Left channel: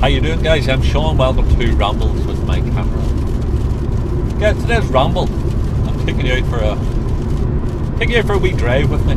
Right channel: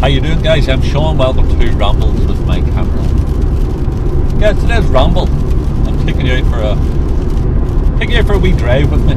How you doing, guys? I'm Sean. Welcome to Rambles with my camera. Guys, today's ramble. I'm taking you out for a wee drive with me.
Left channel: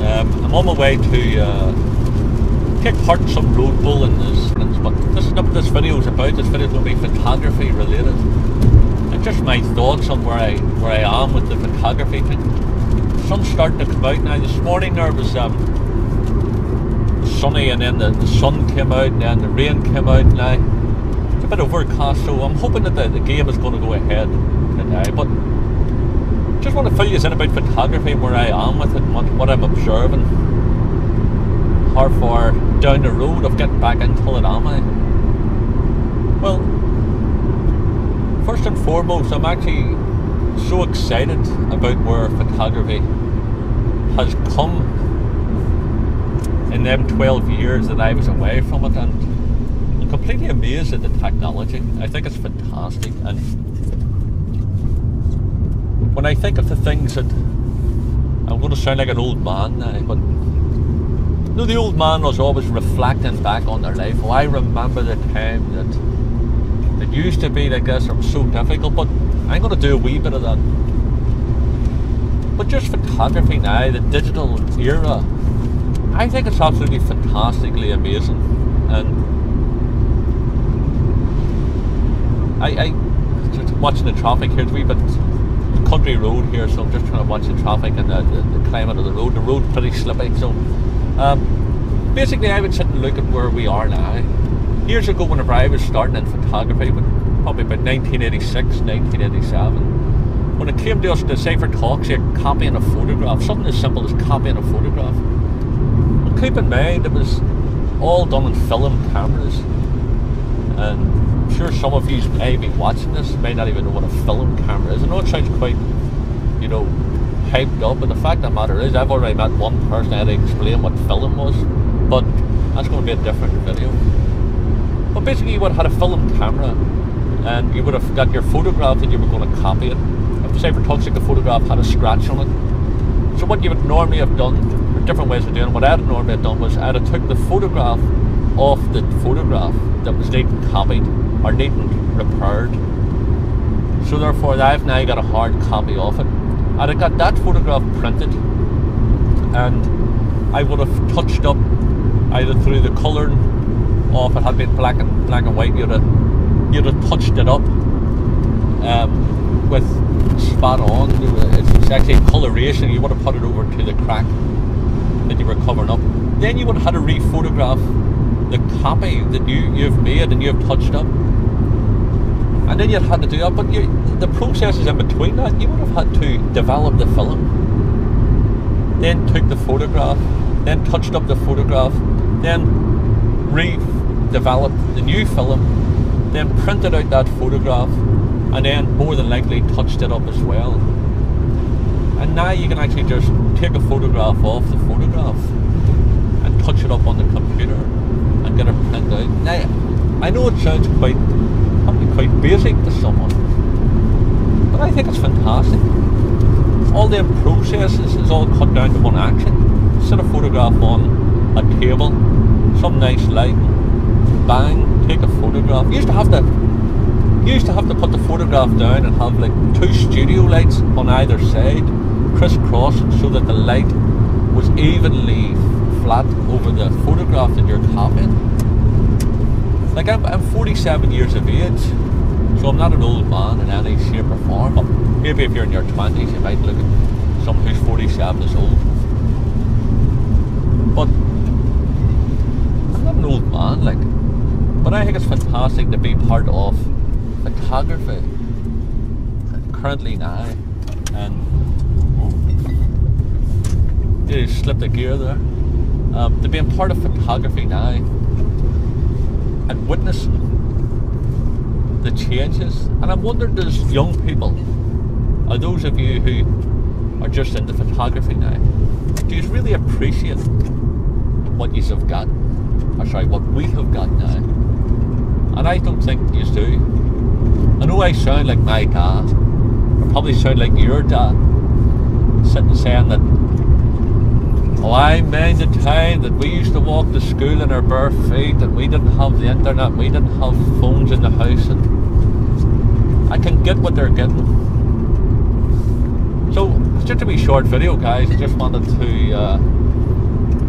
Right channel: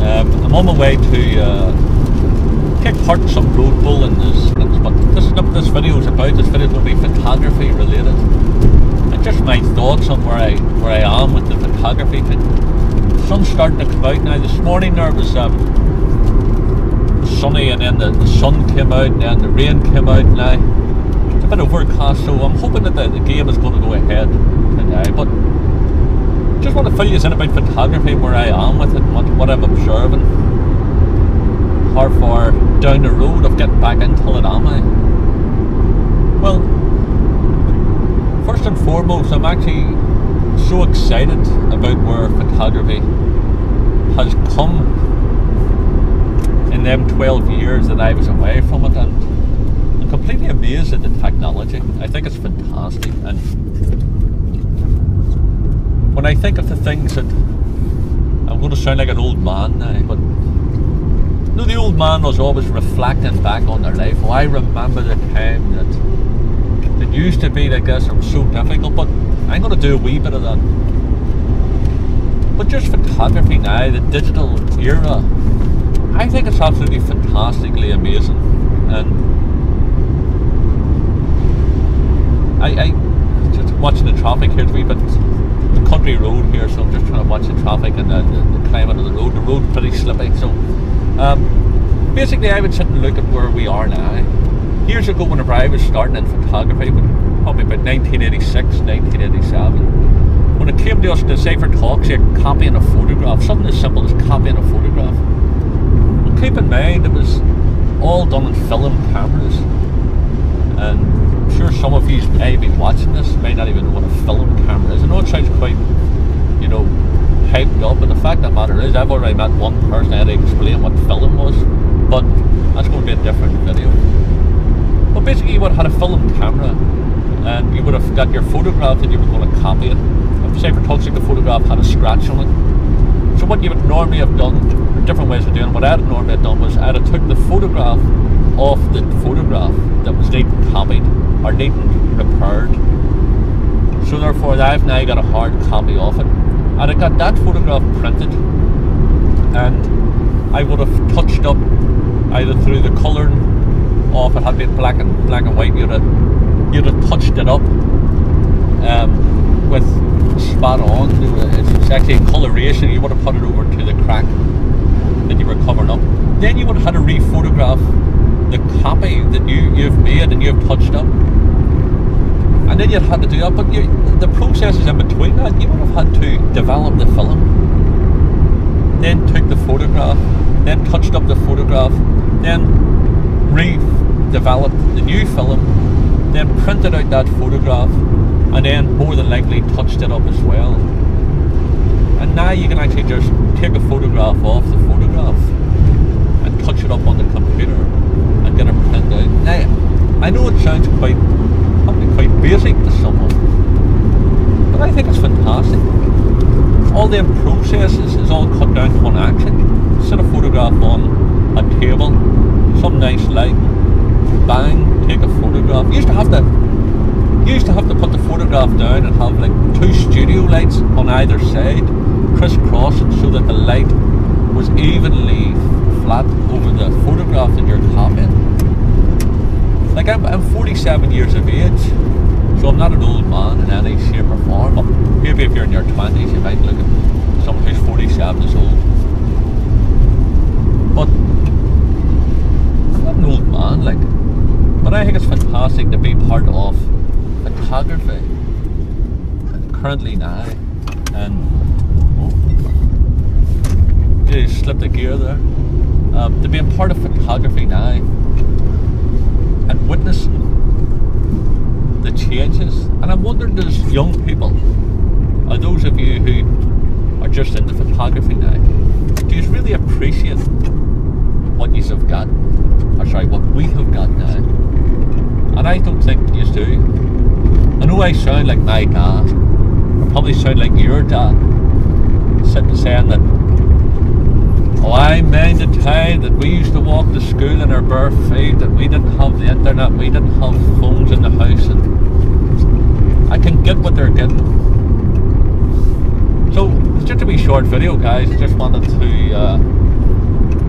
I'm on my way to take part in some road bowling, but this is not what this video is about. This video is going to be photography related, and just my thoughts on where I am with the photography thing. The sun's starting to come out now. This morning there was sunny, and then the sun came out, and then the rain came out. Now it's a bit overcast, so I'm hoping that the game is going to go ahead today. But just want to fill you in about photography, where I am with it, and what I'm observing. How far down the road of getting back into it am I? Well, first and foremost, I'm actually so excited about where photography has come in them 12 years that I was away from it, and I'm completely amazed at the technology. I think it's fantastic, and when I think of the things that, I'm going to sound like an old man now, but you know, the old man was always reflecting back on their life. Oh, I remember the time that it used to be like this, or so difficult, but I'm going to do a wee bit of that. But just photography now, the digital era, I think it's absolutely fantastically amazing. And I just watching the traffic here, it's a wee bit the country road here, so I'm just trying to watch the traffic and the climate of the road. The road's pretty slippy, so basically I would sit and look at where we are now. Years ago, whenever I was starting in photography, probably about 1986, 1987, when it came to us to say for talks, copying a photograph, something as simple as copying a photograph. Well, keep in mind, it was all done on film cameras, and I'm sure some of you may be watching this may not even know what a film camera is. I know it sounds quite, you know, hyped up, but the fact of the matter is, I've already met one person that had to explain what film was, but that's going to be a different video. But basically, you would have had a film camera, and you would have got your photograph that you were going to copy it. If say for talks, like the photograph had a scratch on it. So what you would normally have done, or different ways of doing it, what I'd normally have done was I'd have took the photograph off the photograph that was needing copied or needing repaired. So therefore, I've now got a hard copy of it. And I got that photograph printed, and I would have touched up either through the colouring, or if it had been black and white, you'd have touched it up with spot on. It's actually coloration. You would have put it over to the crack that you were covering up. Then you would have had to re-photograph the copy that you've made and you've touched up, and then you'd had to do that. But the processes in between that, you would have had to develop the film, then took the photograph, then touched up the photograph, then redeveloped the new film, then printed out that photograph, and then more than likely touched it up as well. And now you can actually just take a photograph off the photograph and touch it up on the computer and get it printed out. Now, I know it sounds probably quite basic to someone, but I think it's fantastic. All them processes is all cut down to one action. Set a photograph on a table, some nice light, bang, take a photograph. You used to have to put the photograph down and have like 2 studio lights on either side, crisscrossing, so that the light was evenly flat over the photograph that you're copying. Like I'm 47 years of age, so I'm not an old man in any shape or form. But maybe if you're in your 20s, you might look at someone who's 47 years old. But I'm not an old man, like. But I think it's fantastic to be part of photography currently now, and you slipped a gear there. To be a part of photography now and witnessing the changes, and I'm wondering, does young people, or those of you who are just into photography now, do you really appreciate what you have got, or sorry, what we have got now? And I don't think you do. I know I sound like my dad, or probably sound like your dad, sitting saying that Oh, I mind the time that we used to walk to school in our bare feet, and we didn't have the internet, we didn't have phones in the house, and I can get what they're getting. So, it's just a wee short video, guys. I just wanted to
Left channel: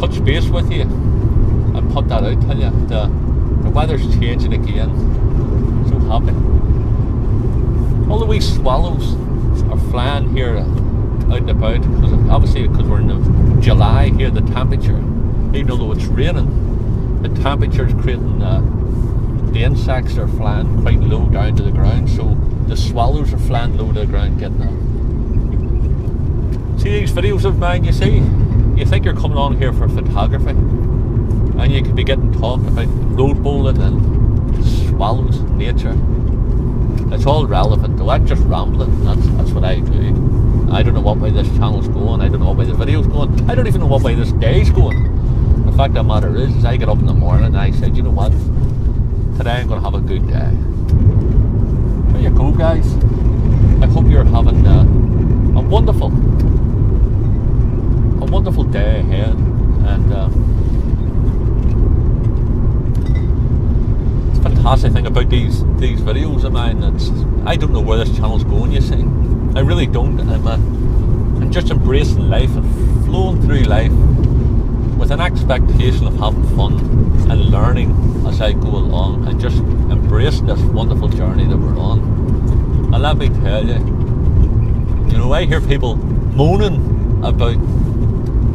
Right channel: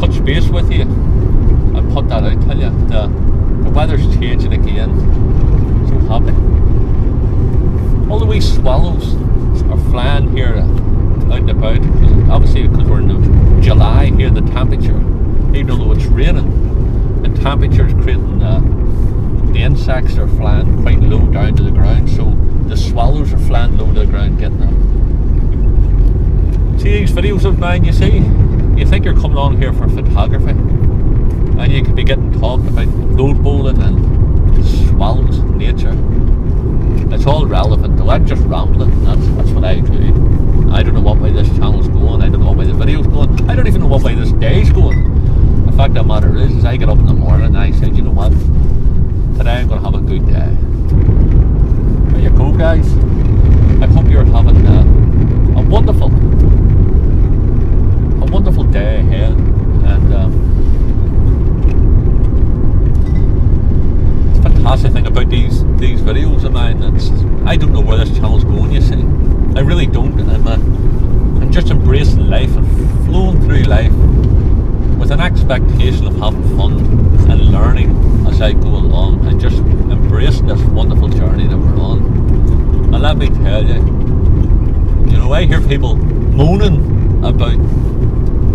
touch base with you and put that out, tell you. The weather's changing again. So happy. All the wee swallows are flying here out and about, obviously because we're in July here. The temperature, even though it's raining, the temperature is creating the insects are flying quite low down to the ground, so the swallows are flying low to the ground getting up. See these videos of mine, you see, you think you're coming on here for photography, and you could be getting talked about road bowling and swallows and nature. It's all relevant though. I'm just rambling. That's what I do. I don't know what way this channel's going. I don't know what way the video's going. I don't even know what way this day's going. The fact of the matter is I get up in the morning and I said, you know what? Today I'm going to have a good day. There you go, guys. I hope you're having a wonderful day ahead. And it's a fantastic thing about these videos of mine. I don't know where this channel's going, you see. I really don't. I'm just embracing life and flowing through life with an expectation of having fun and learning as I go along, and just embracing this wonderful journey that we're on. And let me tell you, you know, I hear people moaning about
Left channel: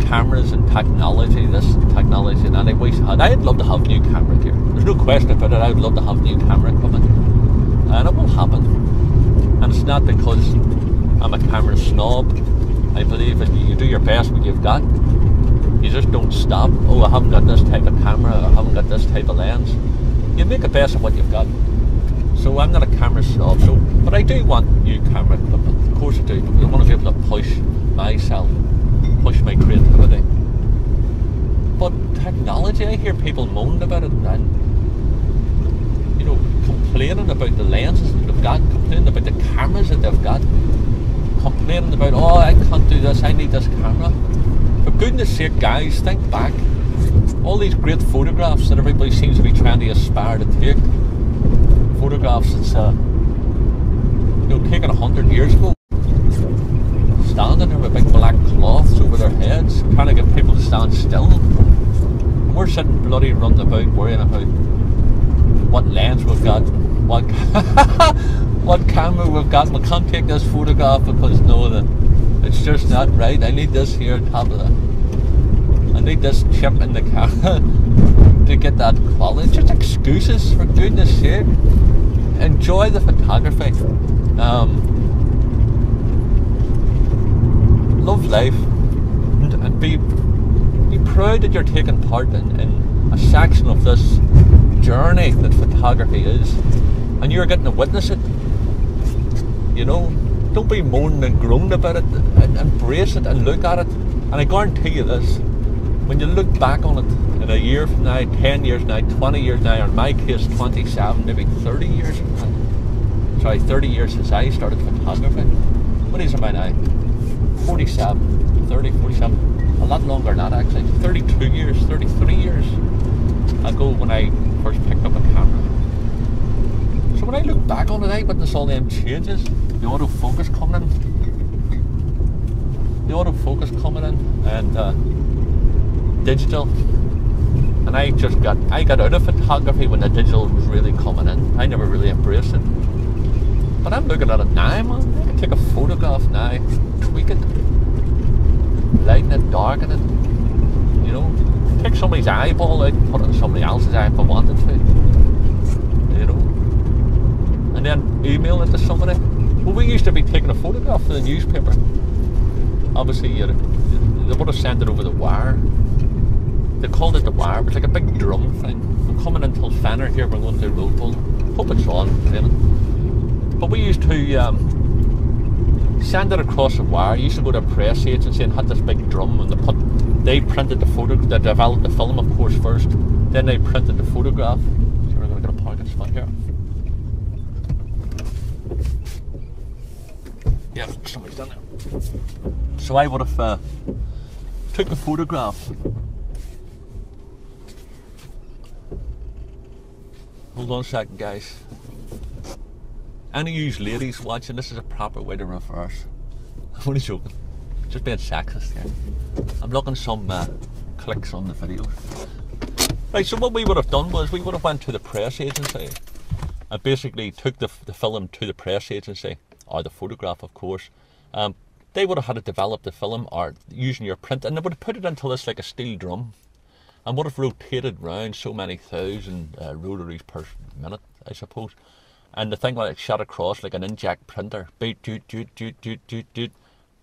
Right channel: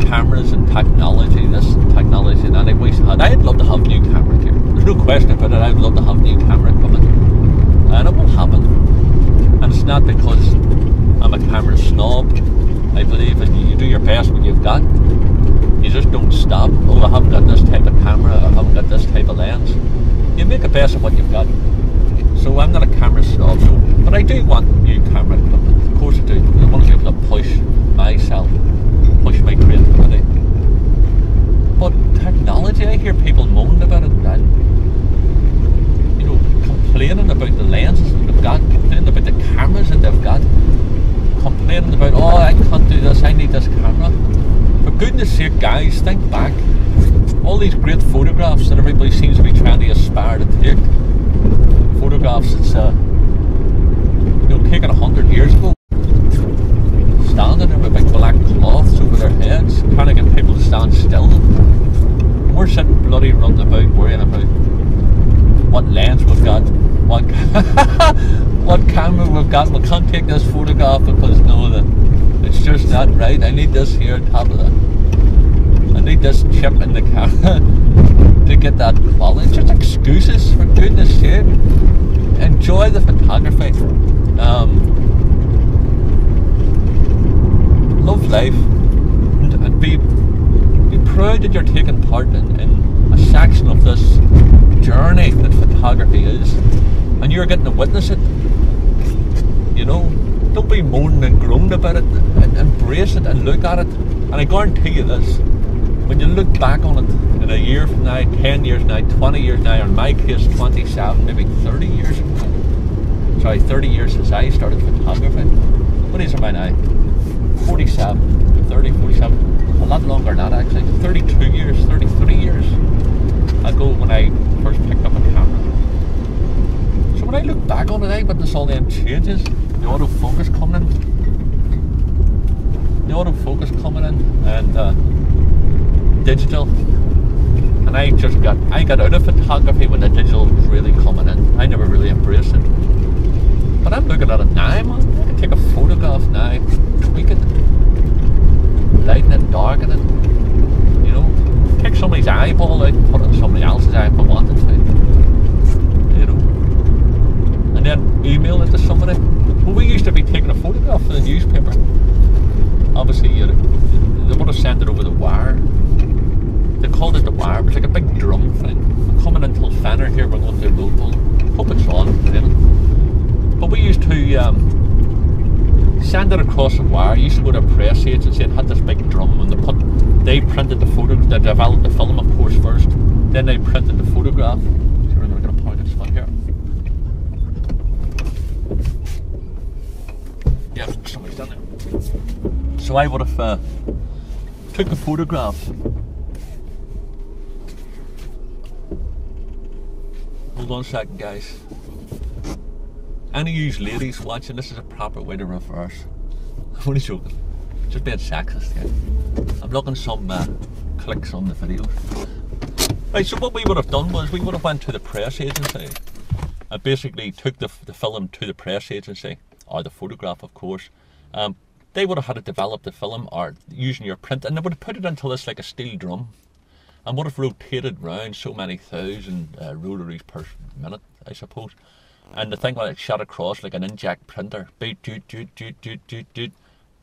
cameras and technology, this technology, and I wish I'd love to have new camera gear. There's no question about it. I'd love to have new camera equipment, and it will happen. And it's not because I'm a camera snob. I believe that you do your best with what you've got. You just don't stop. Oh, I haven't got this type of camera, I haven't got this type of lens. You make the best of what you've got. So I'm not a camera snob, but I do want new camera equipment. Of course I do, because I want to be able to push myself, push my creativity. But technology, I hear people moaning about it and, you know, complaining about the lenses that they've got, complaining about the cameras that they've got, complaining about, oh, I can't do this, I need this camera. For goodness sake, guys, think back. All these great photographs that everybody seems to be trying to aspire to take. Photographs that's taken 100 years ago. Standing there with big black cloths over their heads, trying to get people to stand still. And we're sitting bloody running about worrying about what lens we've got, what camera we've got. We can't take this photograph because it's just not right. I need this here top of I need this chip in the camera to get that quality. It's just excuses, for goodness sake. Enjoy the photography. Love life, and be proud that you're taking part in a section of this journey that photography is, and you're getting to witness it. You know, don't be moaning and groaning about it. Embrace it and look at it. And I guarantee you this: when you look back on it in a year from now, 10 years now, 20 years now, or in my case 27, maybe 30 years from now. Sorry, 30 years since I started photography. What is it by now? 47, 30, 47, a lot longer than that actually. 32 years, 33 years ago when I first picked up a camera. So when I look back on it, I witness all them changes. The autofocus coming in, and digital. And I got out of photography when the digital was really coming in. I never really embraced it. But I'm looking at it now, man. I can take a photograph now, tweak it, lighten it, darken it, you know, take somebody's eyeball out and put it in somebody else's eye if I wanted to, you know, and then email it to somebody. Well, we used to be taking a photograph for the newspaper. Obviously, they would have sent it over the wire. They called it the wire. It was like a big drum thing. I'm coming into Fenner here. We're going to do road bowl. Hope it's on. But we used to send it across the wire. You used to go to a press agency and had this big drum, and they printed the photo. They developed the film, of course, first. Then they printed the photograph. So we're going to get a parking spot here. Yeah, somebody's done there. So I would have took a photograph. Hold on a second, guys. Any of you ladies watching, this is a proper way to reverse. I'm only joking. Just being sexist here. I'm looking some clicks on the videos. Right, so what we would have done was we would have went to the press agency and basically took the film to the press agency, or the photograph, of course. They would have had to develop the film or using your print, and they would have put it into this like a steel drum and would have rotated round so many thousand rotaries per minute, I suppose. And the thing would have shot across like an inkjet printer, beat, doot, doot, doot, doot, doot, doot.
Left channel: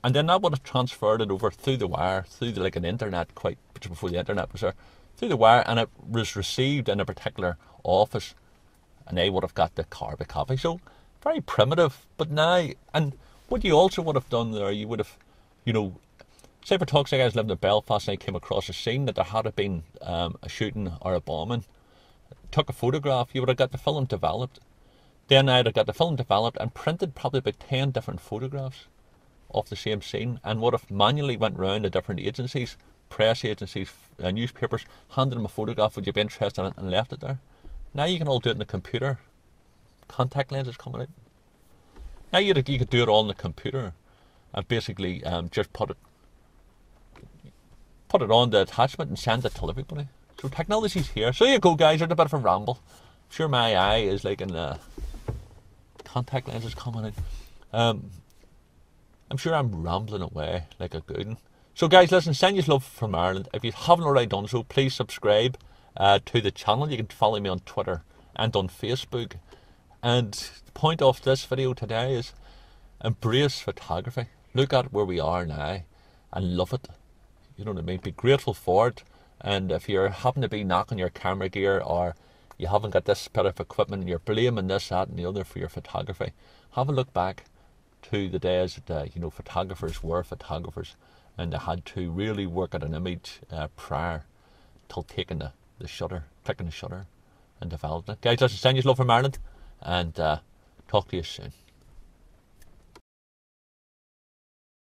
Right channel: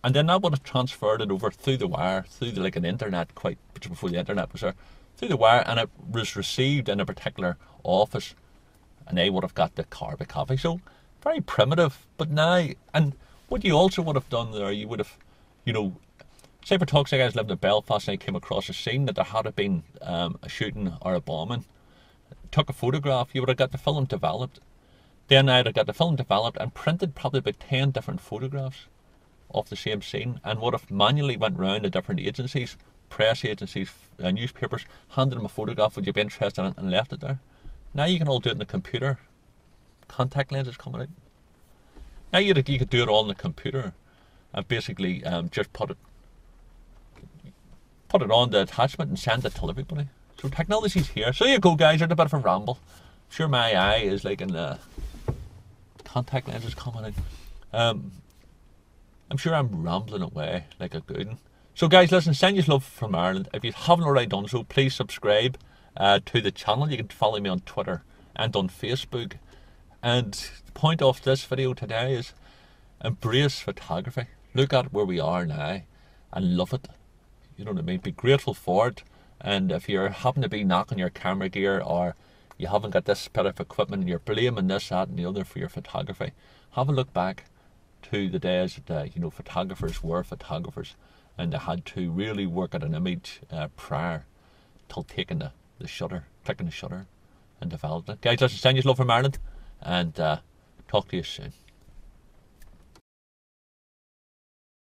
And then that would have transferred it over through the wire, through the, like an internet, quite before the internet was there, through the wire, and it was received in a particular office, and they would have got the carbon copy. So very primitive, but now, and what you also would have done there, you would have, you know, say for talks, like I was living in Belfast and I came across a scene that there had been a shooting or a bombing, took a photograph, you would have got the film developed. Then I'd have got the film developed and printed probably about 10 different photographs of the same scene, and would have manually went round to different agencies, press agencies, newspapers, handed them a photograph, would you be interested in it, and left it there. Now you can all do it in the computer. Contact lenses coming out. Now you could do it all in the computer and basically just put it on the attachment and send it to everybody. So technology's here. So there you go, guys. There's a bit of a ramble. I'm sure my eye is like in the contact lenses coming out. I'm sure I'm rambling away like a good one. So guys, listen, send you love from Ireland. If you haven't already done so, please subscribe to the channel. You can follow me on Twitter and on Facebook. And the point of this video today is embrace photography. Look at where we are now and love it. You know what I mean? Be grateful for it. And if you're happen to be knocking your camera gear, or you haven't got this bit of equipment and you're blaming this, that and the other for your photography, have a look back to the days that photographers were photographers, and they had to really work at an image prior till taking the shutter, clicking the shutter and developing it. Guys, listen, send you love from Ireland, and talk to you soon.